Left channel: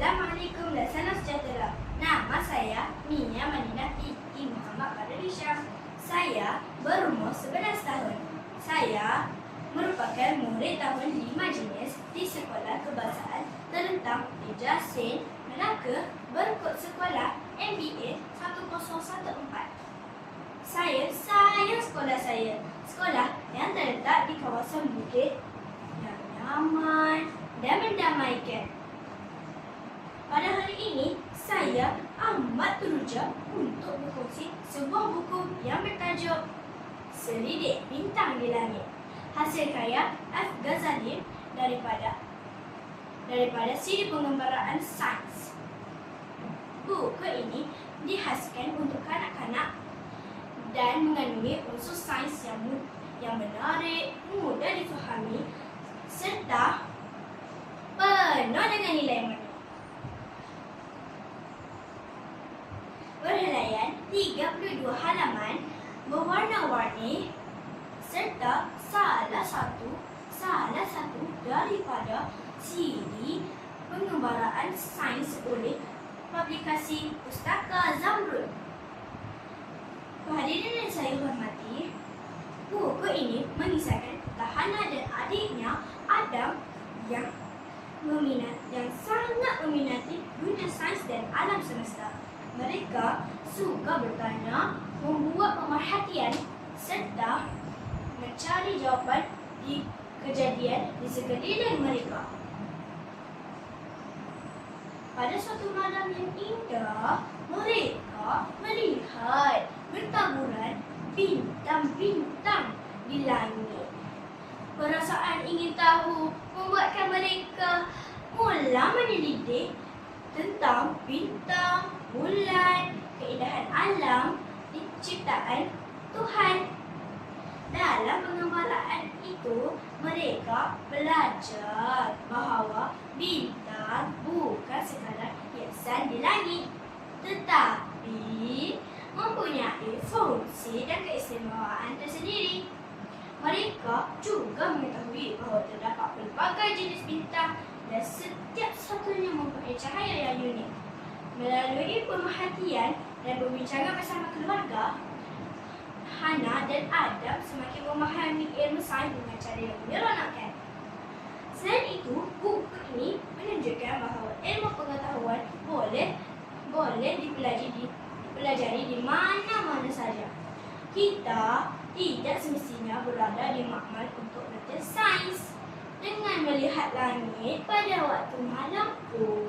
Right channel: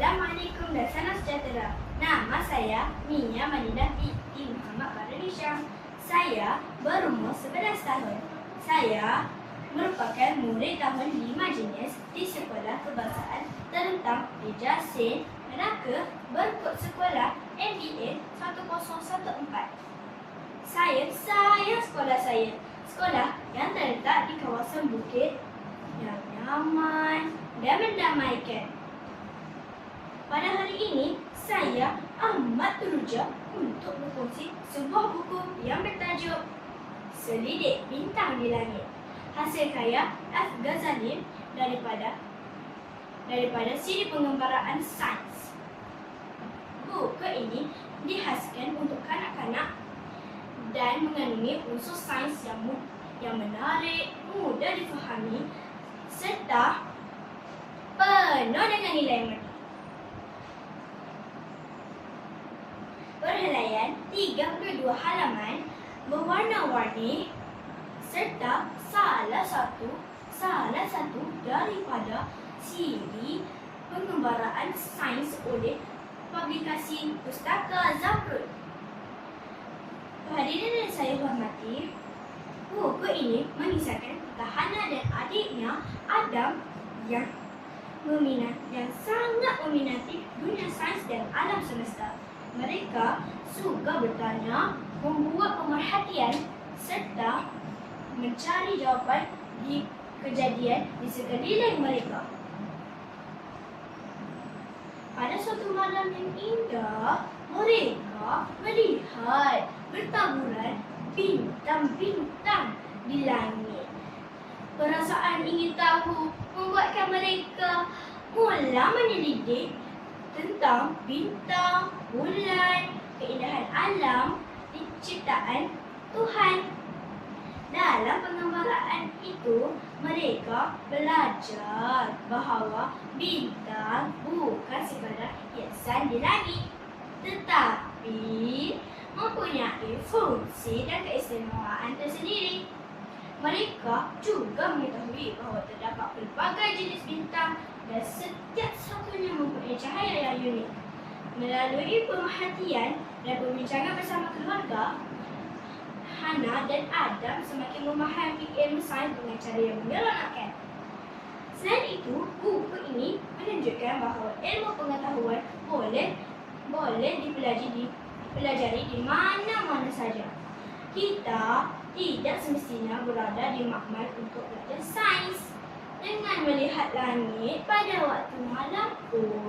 Assalamualaikum dan salam sejahtera. Nama saya Mia Madinah binti Muhammad Farul Hisham. Saya berumur 11 tahun. Saya merupakan murid tahun 5 jenis di Sekolah Kebangsaan Terentang di Jasin, Melaka berkod sekolah MBA 1014. Saya sayang sekolah saya. Sekolah yang terletak di kawasan bukit yang nyaman dan mendamaikan. Pada hari ini, saya amat teruja untuk berkongsi sebuah buku yang bertajuk Selidik Bintang di Langit, hasil karya F. Ghazali daripada siri pengembaraan sains. Buku ini dihasilkan untuk kanak-kanak dan mengandungi unsur sains yang menarik, mudah difahami serta penuh dengan nilai yang menarik. Berhelaian 32 halaman berwarna-warni serta salah satu daripada siri pengembaraan sains oleh publikasi Pustaka Zamrud. Hadirin yang saya hormati, buku ini mengisahkan Tahana dan adiknya Adam yang sangat meminati dunia sains dan alam semesta. Mereka suka bertanya, membuat pemerhatian serta mencari jawapan di kejadian di sekeliling mereka. Pada suatu malam yang indah, mereka melihat bertaburan bintang-bintang di langit. Perasaan ingin tahu membuatkan mereka mula menyelidik tentang bintang, bulan, keindahan alam ciptaan Tuhan. Dalam pengembaraan itu, mereka belajar bahawa bintang bukan sekadar hiasan di langit, tetapi mempunyai fungsi dan keistimewaan tersendiri. Mereka juga mengetahui bahawa terdapat pelbagai jenis bintang dan setiap satunya mempunyai cahaya yang unik. Melalui pemerhatian dan perbincangan bersama keluarga, Hana dan Adam semakin memahami ilmu sains dengan cara yang menyeronokkan. Selain itu, buku ini menunjukkan bahawa ilmu pengetahuan boleh dipelajari di mana-mana saja. Kita tidak semestinya berada di makmal untuk belajar sains. Dengan melihat langit pada waktu malam pun